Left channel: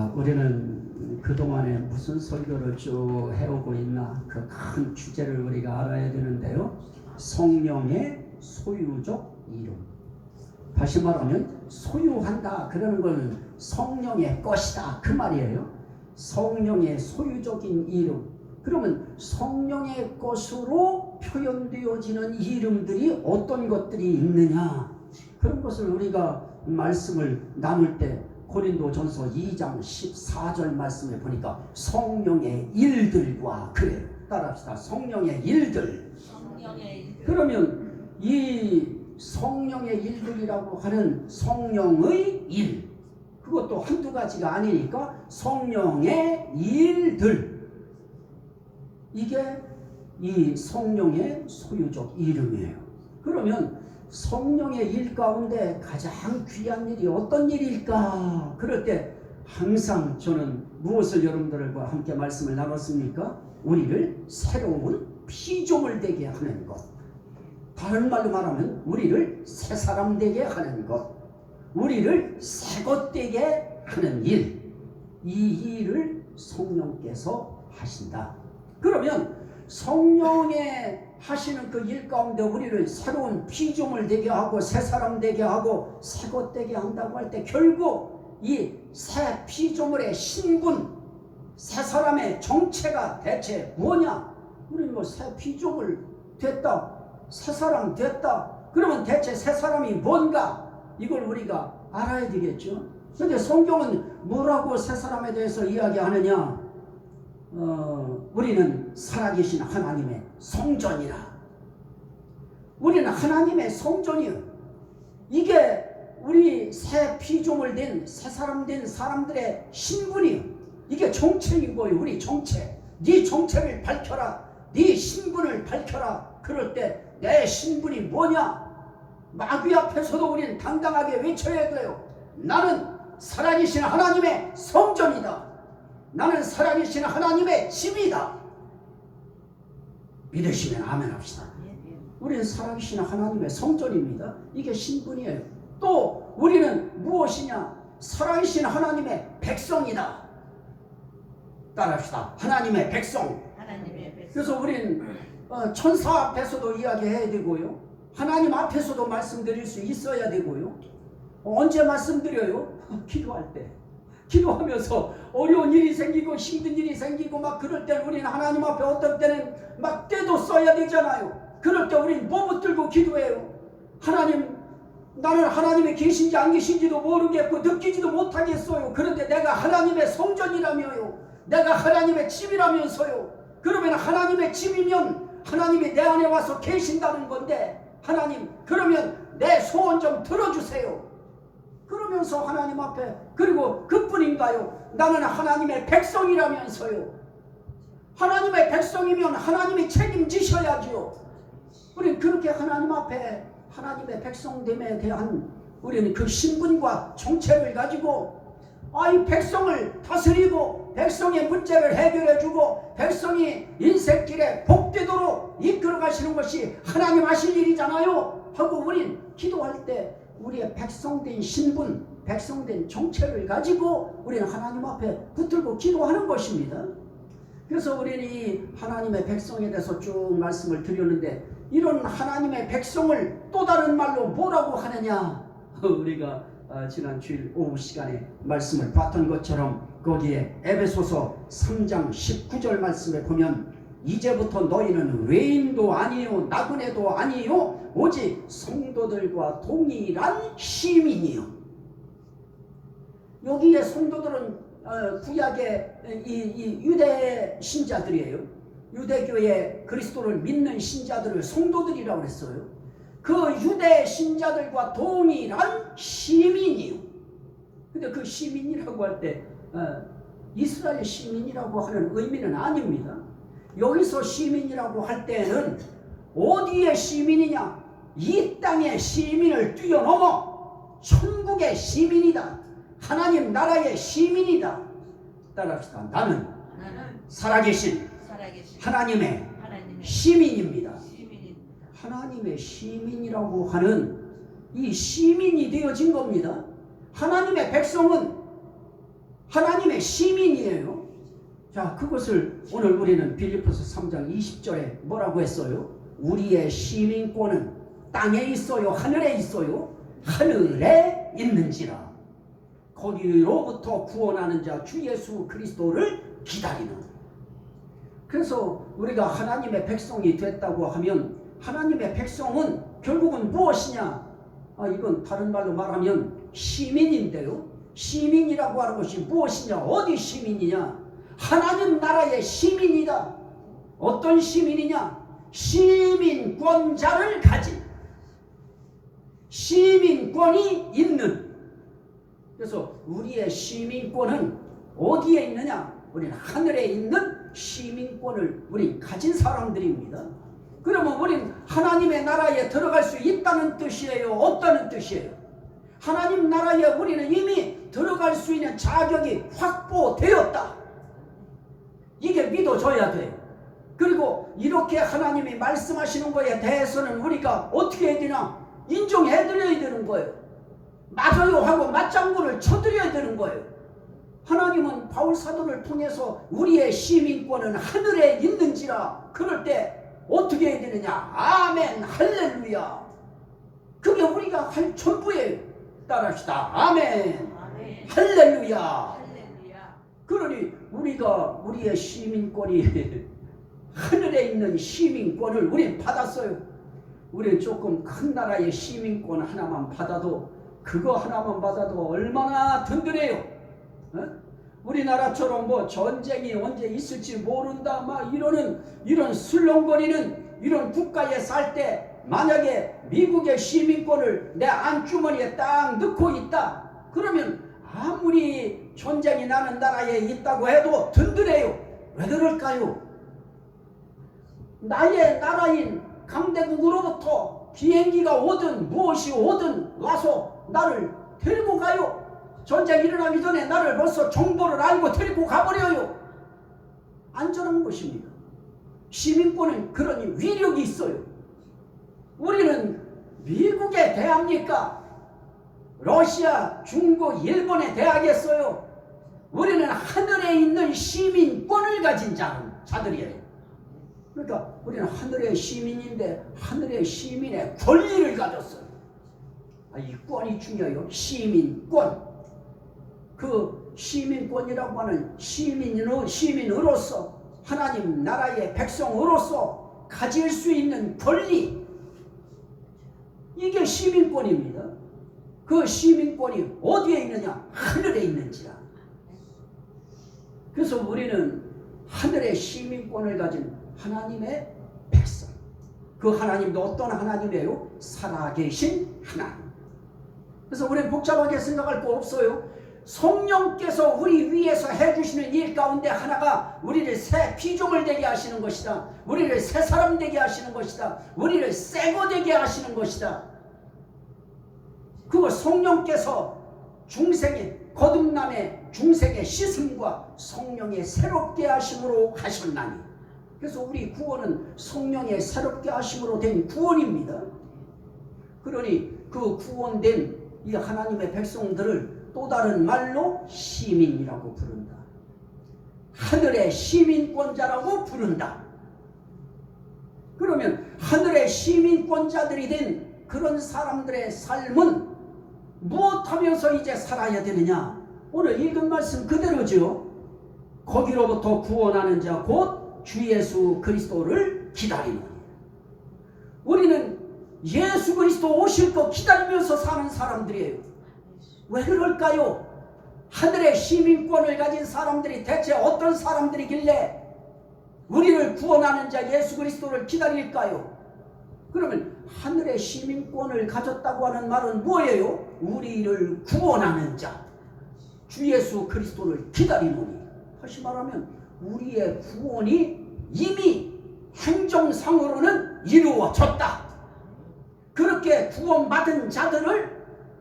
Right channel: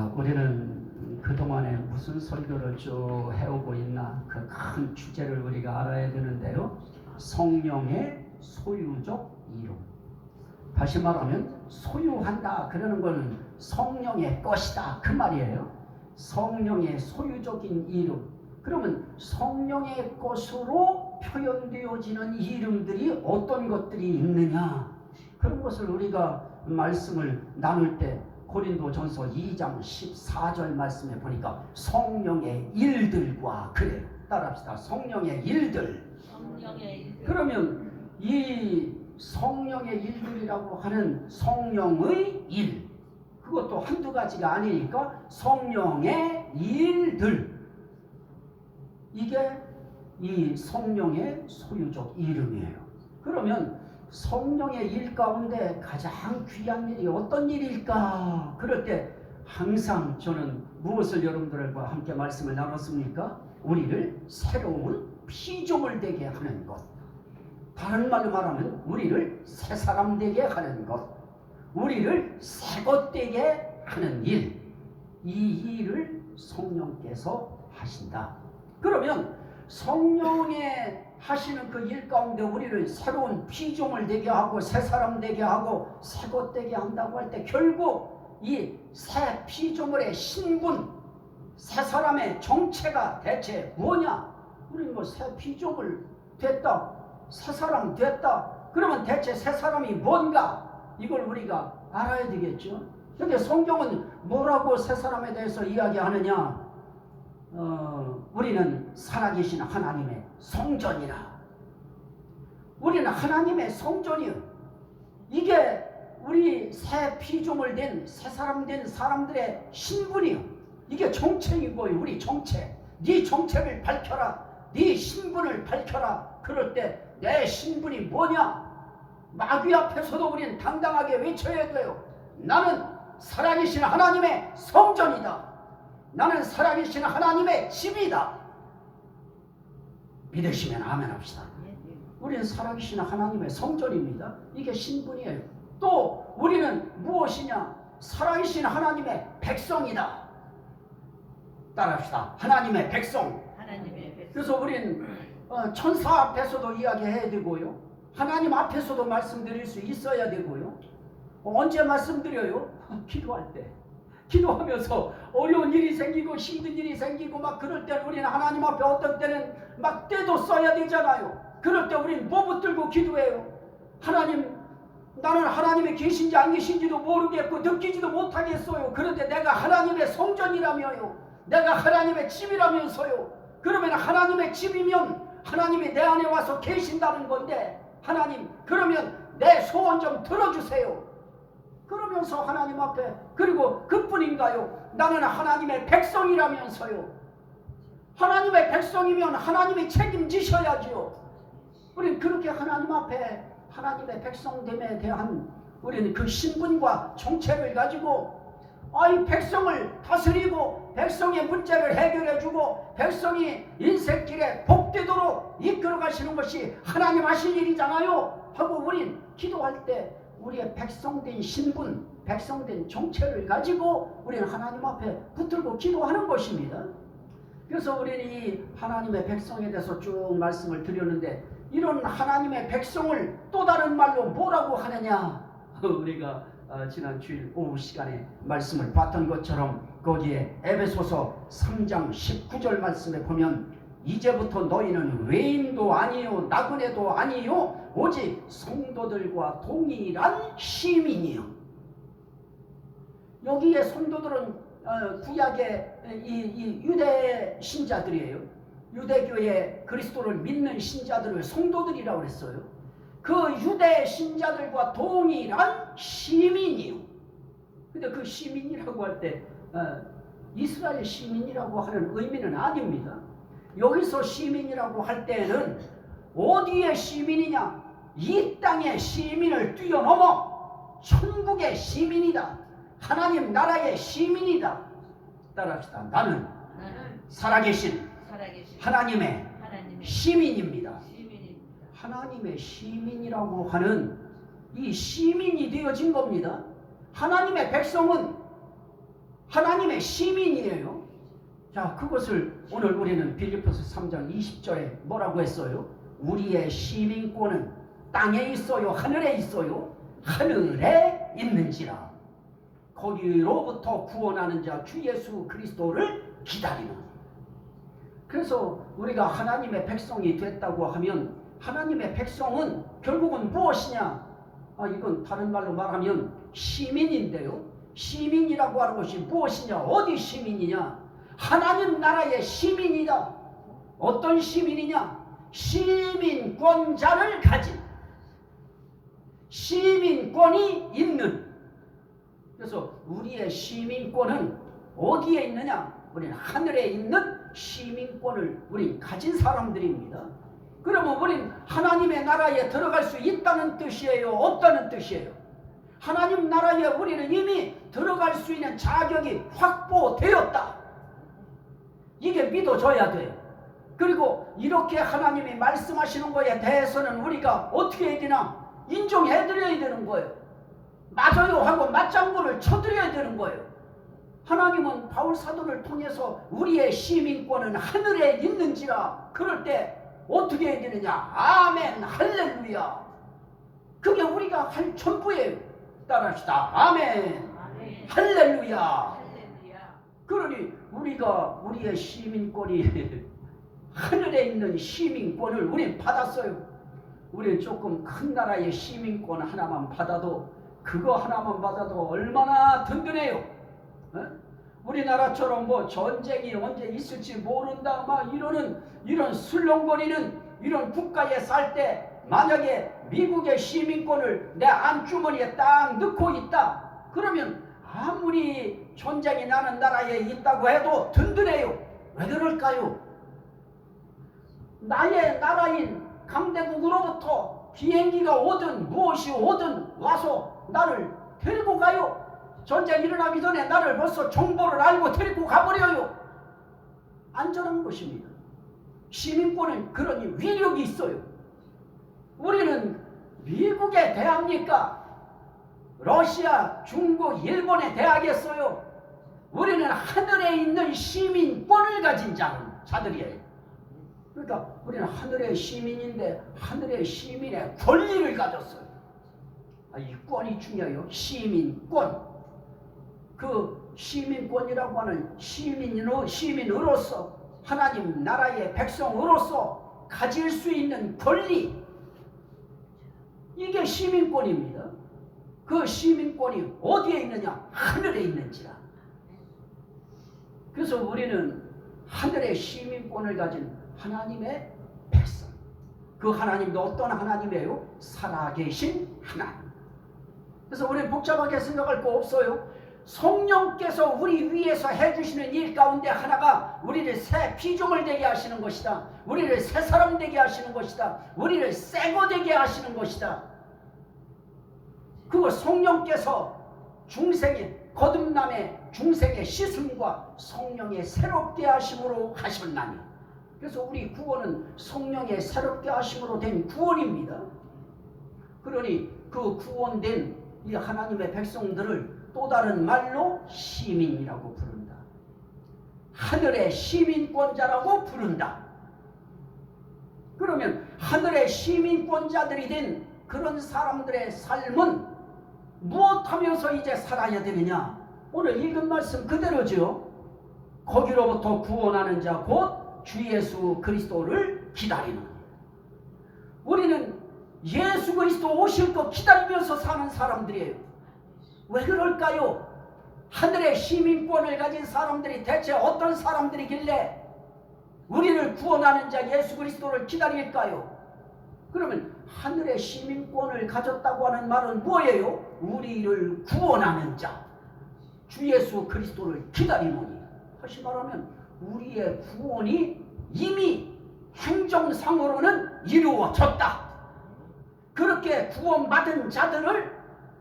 자, 우리는 그동안에 무슨 설교를 쭉 해오고 있나 그 큰 주제를 우리가 알아야 되는데요. 성령의 소유적 이름. 다시 말하면 소유한다 그러는 것은 성령의 것이다 그 말이에요. 성령의 소유적인 이름. 그러면 성령의 것으로 표현되어지는 이름들이 어떤 것들이 있느냐, 그런 것을 우리가 말씀을 나눌 때 고린도전서 2장 14절 말씀에 보니까 성령의 일들과 그래요. 따라합시다. 성령의 일들. 그러면 이 성령의 일들이라고 하는 성령의 일, 그것도 한두 가지가 아니니까 성령의 일들, 이게 이 성령의 소유적 이름이에요. 그러면 성령의 일 가운데 가장 귀한 일이 어떤 일일까? 그럴 때 항상 저는 무엇을 여러분들과 함께 말씀을 나눴습니까? 우리를 새로운 피조물 되게 하는 것. 다른 말로 말하면 우리를 새 사람 되게 하는 것. 우리를 새 것 되게 하는 일. 이 일을 성령께서 하신다. 그러면 성령의 하시는 그 일 가운데 우리를 새로운 피조물 되게 하고 새 사람 되게 하고 새 것 되게 한다고 할 때 결국 이 새 피조물의 신분, 새 사람의 정체가 대체 뭐냐? 우리는 뭐 새 피조물 됐다, 새 사람 됐다. 그러면 대체 새 사람이 뭔가? 이걸 우리가 알아야 되겠죠. 그런데 성경은 뭐라고 새 사람에 대해서 이야기하느냐? 우리는 살아계신 하나님의 성전이라. 우리는 하나님의 성전이요. 이게 우리 새 피조물 된 새 사람 된 사람들의 신분이요. 이게 정체이고요. 우리 정체. 네 정체를 밝혀라. 네 신분을 밝혀라. 그럴 때 내 신분이 뭐냐? 마귀 앞에서도 우리는 당당하게 외쳐야 돼요. 나는 살아계신 하나님의 성전이다. 나는 살아계신 하나님의 집이다. 믿으시면 아멘 합시다. 우리는 살아계신 하나님의 성전입니다. 이게 신분이에요. 또 우리는 무엇이냐? 살아계신 하나님의 백성이다. 따라합시다. 하나님의 백성. 그래서 우리는 천사 앞에서도 이야기해야 되고요. 하나님 앞에서도 말씀드릴 수 있어야 되고요. 언제 말씀드려요? 기도할 때. 기도하면서 어려운 일이 생기고 힘든 일이 생기고 막 그럴 때 우리는 하나님 앞에 어떤 때는 막 때도 써야 되잖아요. 그럴 때 우리는 뭐 붙들고 기도해요? 하나님, 나는 하나님이 계신지 안 계신지도 모르겠고 느끼지도 못하겠어요. 그런데 내가 하나님의 성전이라며요. 내가 하나님의 집이라면서요. 그러면 하나님의 집이면 하나님이 내 안에 와서 계신다는 건데, 하나님, 그러면 내 소원 좀 들어주세요. 그러면서 하나님 앞에, 그리고 그뿐인가요? 나는 하나님의 백성이라면서요. 하나님의 백성이면 하나님이 책임지셔야죠. 우리는 그렇게 하나님 앞에 하나님의 백성됨에 대한 우리는 그 신분과 정체를 가지고 이 백성을 다스리고 백성의 문제를 해결해주고 백성이 인생길에 복되도록 이끌어 가시는 것이 하나님 하실 일이잖아요 하고 우린 기도할 때 우리의 백성된 신분, 백성된 정체를 가지고 우리는 하나님 앞에 붙들고 기도하는 것입니다. 그래서 우리는 이 하나님의 백성에 대해서 쭉 말씀을 드렸는데, 이런 하나님의 백성을 또 다른 말로 뭐라고 하느냐? 우리가 지난 주일 오후 시간에 말씀을 봤던 것처럼 거기에 에베소서 3장 19절 말씀에 보면 이제부터 너희는 외인도 아니요 나그네도 아니요 오직 성도들과 동일한 시민이요. 여기에 성도들은 구약의 이 유대 신자들이에요. 유대교의 그리스도를 믿는 신자들을 성도들이라고 했어요. 그 유대 신자들과 동일한 시민이요. 근데 그 시민이라고 할 때 이스라엘 시민이라고 하는 의미는 아닙니다. 여기서 시민이라고 할 때는 어디의 시민이냐? 이 땅의 시민을 뛰어넘어 천국의 시민이다. 하나님 나라의 시민이다. 따라합시다. 나는 살아계신 하나님의 시민입니다. 하나님의 시민이라고 하는 이 시민이 되어진 겁니다. 하나님의 백성은 하나님의 시민이에요. 자, 그것을 오늘 우리는 빌립보서 3장 20절에 뭐라고 했어요? 우리의 시민권은 땅에 있어요? 하늘에 있어요? 하늘에 있는지라. 거기로부터 구원하는 자 주 예수 그리스도를 기다리는. 그래서 우리가 하나님의 백성이 됐다고 하면 하나님의 백성은 결국은 무엇이냐? 이건 다른 말로 말하면 시민인데요. 시민이라고 하는 것이 무엇이냐? 어디 시민이냐? 하나님 나라의 시민이다. 어떤 시민이냐? 시민권자를 가진, 시민권이 있는. 그래서 우리의 시민권은 어디에 있느냐? 우리는 하늘에 있는 시민권을 우린 가진 사람들입니다. 그러면 우린 하나님의 나라에 들어갈 수 있다는 뜻이에요? 없다는 뜻이에요? 하나님 나라에 우리는 이미 들어갈 수 있는 자격이 확보되었다. 이게 믿어져야 돼요. 그리고 이렇게 하나님이 말씀하시는 거에 대해서는 우리가 어떻게 해야 되나? 인정해 드려야 되는 거예요. 맞아요 하고 맞장구를 쳐드려야 되는 거예요. 하나님은 바울 사도를 통해서 우리의 시민권은 하늘에 있는지라. 그럴 때 어떻게 해야 되느냐? 아멘 할렐루야. 그게 우리가 할 전부예요. 따라합시다. 아멘, 아멘. 할렐루야. 할렐루야. 그러니 우리가 우리의 시민권이 하늘에 있는 시민권을 우리는 받았어요. 우리는 조금 큰 나라의 시민권 하나만 받아도, 그거 하나만 받아도 얼마나 든든해요. 우리나라처럼 뭐 전쟁이 언제 있을지 모른다 막 이런 술렁거리는 이런 국가에 살 때 만약에 미국의 시민권을 내 안주머니에 딱 넣고 있다 그러면 아무리 전쟁이 나는 나라에 있다고 해도 든든해요. 왜 그럴까요? 나의 나라인 강대국으로부터 비행기가 오든 무엇이 오든 와서 나를 데리고 가요. 전쟁이 일어나기 전에 나를 벌써 정보를 알고 데리고 가버려요. 안전한 것입니다. 시민권은 그러니 위력이 있어요. 우리는 미국에 대합니까? 러시아, 중국, 일본에 대하겠어요? 우리는 하늘에 있는 시민권을 가진 자들이에요. 그러니까 우리는 하늘의 시민인데 하늘의 시민의 권리를 가졌어요. 이 권이 중요해요. 시민권. 그 시민권이라고 하는 시민으로서 하나님 나라의 백성으로서 가질 수 있는 권리, 이게 시민권입니다. 그 시민권이 어디에 있느냐? 하늘에 있는지라. 그래서 우리는 하늘의 시민권을 가진 하나님의 백성. 그 하나님도 어떤 하나님이에요? 살아계신 하나님. 그래서 우리는 복잡하게 생각할 거 없어요. 성령께서 우리 위해서 해주시는 일 가운데 하나가 우리를 새 피조물 되게 하시는 것이다. 우리를 새 사람 되게 하시는 것이다. 우리를 새거 되게 하시는 것이다. 그거 성령께서 중생의 거듭남의 중생의 씻음과 성령의 새롭게 하심으로 하셨나니. 그래서 우리 구원은 성령의 새롭게 하심으로 된 구원입니다. 그러니 그 구원된 이 하나님의 백성들을 또 다른 말로 시민이라고 부른다. 하늘의 시민권자라고 부른다. 그러면 하늘의 시민권자들이 된 그런 사람들의 삶은 무엇하면서 이제 살아야 되느냐? 오늘 읽은 말씀 그대로죠. 거기로부터 구원하는 자 곧 주 예수 그리스도를 기다리는. 우리는 예수 그리스도 오실 거 기다리면서 사는 사람들이에요. 왜 그럴까요? 하늘의 시민권을 가진 사람들이 대체 어떤 사람들이길래 우리를 구원하는 자 예수 그리스도를 기다릴까요? 그러면 하늘의 시민권을 가졌다고 하는 말은 뭐예요? 우리를 구원하는 자 주 예수 그리스도를 기다리노니. 다시 말하면 우리의 구원이 이미 행정상으로는 이루어졌다. 그렇게 구원받은 자들을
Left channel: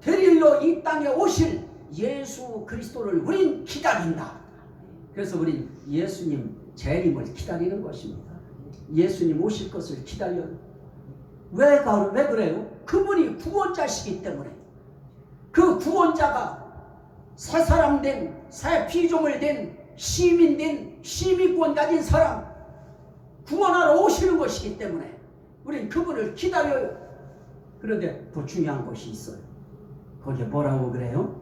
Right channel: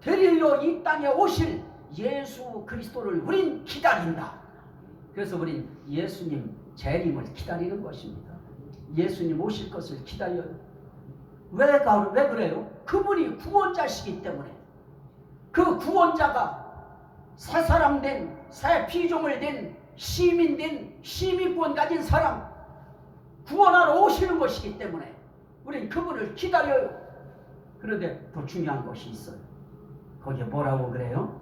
데리러 이 땅에 오실 예수 그리스도를 우린 기다린다. 그래서 우린 예수님 재림을 기다리는 것입니다. 예수님 오실 것을 기다려요. 왜 그래요? 그분이 구원자시기 때문에. 그 구원자가 새 사람 된 새 피조물 된 시민 된 시민권 가진 사람 구원하러 오시는 것이기 때문에 우린 그분을 기다려요. 그런데 더 중요한 것이 있어요. 거기에 뭐라고 그래요?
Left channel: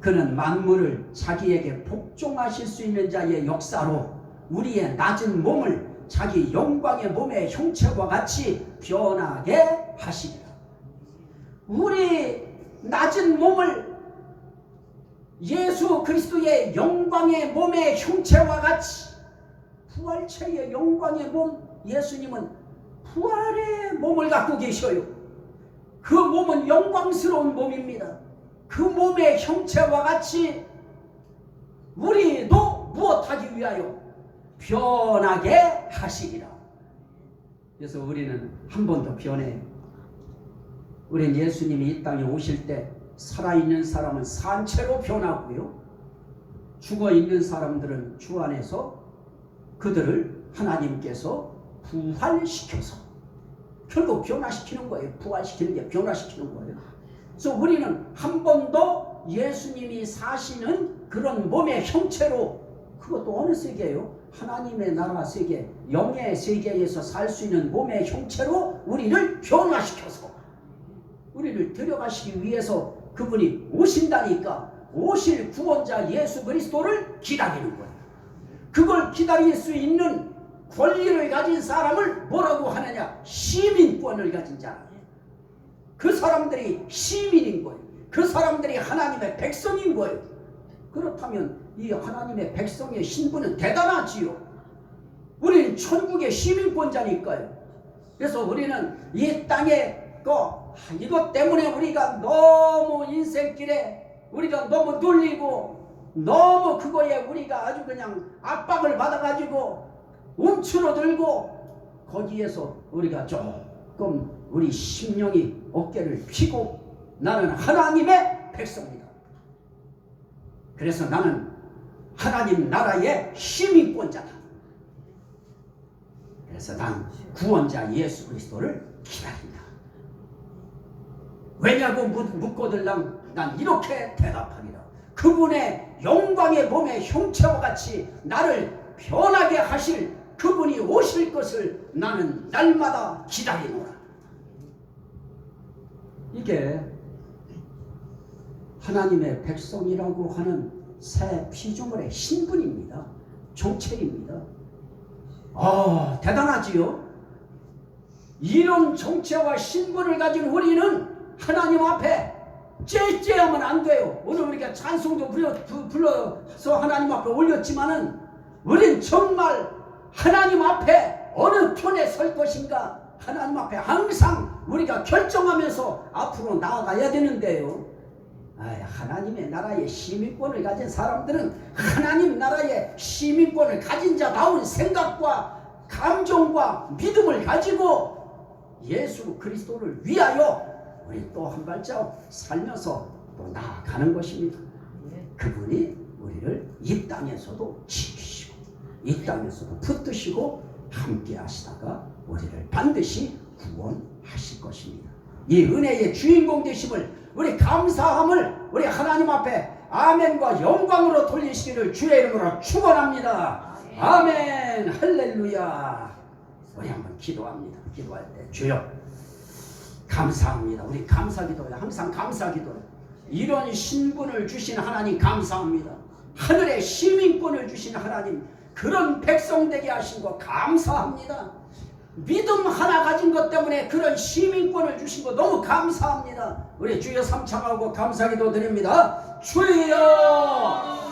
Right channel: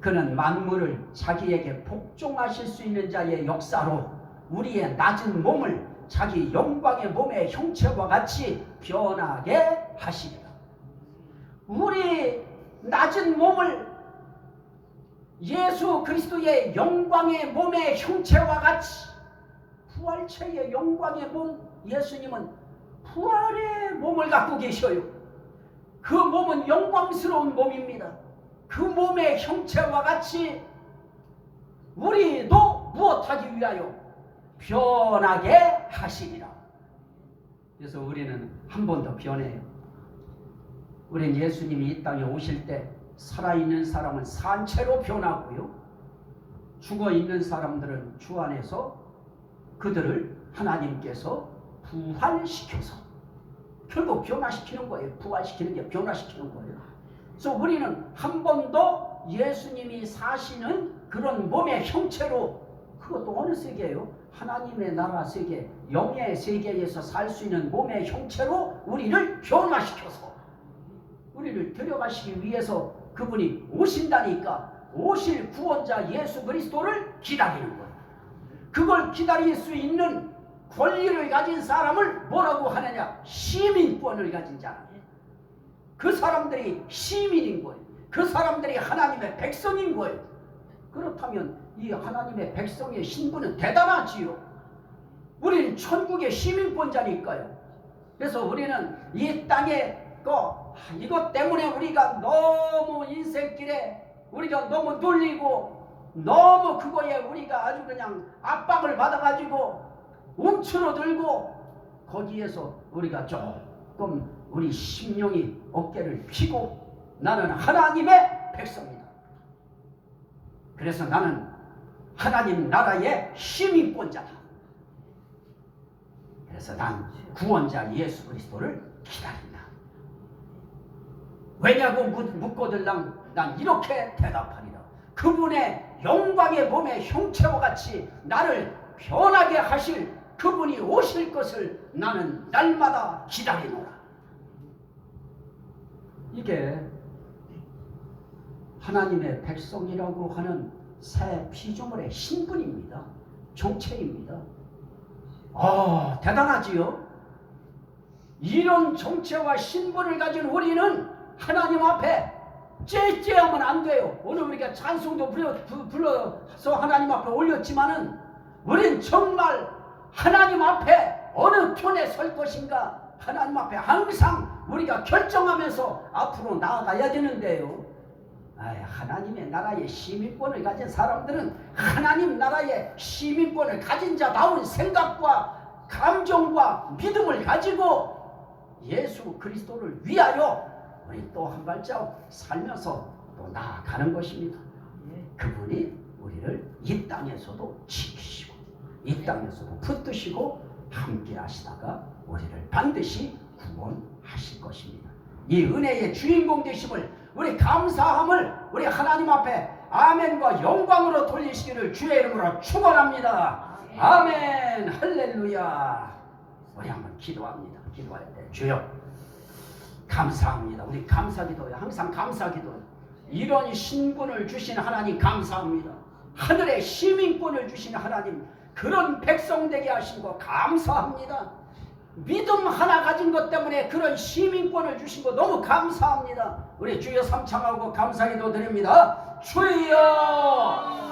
그는 만물을 자기에게 복종하실 수 있는 자의 역사로 우리의 낮은 몸을 자기 영광의 몸의 형체와 같이 변하게 하시리라. 우리 낮은 몸을 예수 그리스도의 영광의 몸의 형체와 같이, 부활체의 영광의 몸, 예수님은 부활의 몸을 갖고 계셔요. 그 몸은 영광스러운 몸입니다. 그 몸의 형체와 같이 우리도 무엇하기 위하여 변하게 하시리라. 그래서 우리는 한 번 더 변해요. 우리는 예수님이 이 땅에 오실 때 살아있는 사람은 산채로 변하고요, 죽어있는 사람들은 주 안에서 그들을 하나님께서 부활시켜서 결국 변화시키는 거예요. 부활시키는 게 변화시키는 거예요. 그래서 우리는 한 번 더 예수님이 사시는 그런 몸의 형체로, 그것도 어느 세계예요? 하나님의 나라 세계, 영의 세계에서 살 수 있는 몸의 형체로 우리를 변화시켜서 우리를 데려가시기 위해서 그분이 오신다니까, 오실 구원자 예수 그리스도를 기다리는 거예요. 그걸 기다릴 수 있는 권리를 가진 사람을 뭐라고 하느냐? 시민권을 가진 자. 그 사람들이 시민인 거예요. 그 사람들이 하나님의 백성인 거예요. 그렇다면 이 하나님의 백성의 신분은 대단하지요. 우리는 천국의 시민권자니까요. 그래서 우리는 이 땅에 이것 때문에 우리가 너무 인생길에 우리가 너무 눌리고 너무 그거에 우리가 아주 그냥 압박을 받아가지고 움츠러들고 거기에서 우리가 조금 우리 심령이 어깨를 펴고 나는 하나님의 백성이다. 그래서 나는 하나님 나라의 시민권자다. 그래서 난 구원자 예수 그리스도를 기다린다. 왜냐고 묻거들랑 난 이렇게 대답하리라. 그분의 영광의 몸의 형체와 같이 나를 변하게 하실 그분이 오실 것을 나는 날마다 기다리노라. 이게 하나님의 백성이라고 하는 새 피조물의 신분입니다. 정체입니다. 대단하지요? 이런 정체와 신분을 가진 우리는 하나님 앞에 째째하면 안 돼요. 오늘 우리가 찬송도 불러서 하나님 앞에 올렸지만은 우린 정말 하나님 앞에 어느 편에 설 것인가 하나님 앞에 항상 우리가 결정하면서 앞으로 나아가야 되는데요. 하나님의 나라의 시민권을 가진 사람들은 하나님 나라의 시민권을 가진 자다운 생각과 감정과 믿음을 가지고 예수 그리스도를 위하여 우리 또 한 발자국 살면서 또 나아가는 것입니다. 그분이 우리를 이 땅에서도 지키시고 이 땅에서도 붙드시고 함께 하시다가 우리를 반드시 구원하실 것입니다. 이 은혜의 주인공 되심을 우리 감사함을 우리 하나님 앞에 아멘과 영광으로 돌리시기를 주의 이름으로 축원합니다. 아멘. 할렐루야. 우리 한번 기도합니다. 기도할 때 주여 감사합니다. 우리 감사기도요. 항상 감사기도요. 이런 신분을 주신 하나님 감사합니다. 하늘의 시민권을 주신 하나님, 그런 백성 되게 하신 거 감사합니다. 믿음 하나 가진 것 때문에 그런 시민권을 주신 거 너무 감사합니다. 우리 주여 삼창하고 감사기도 드립니다. 주여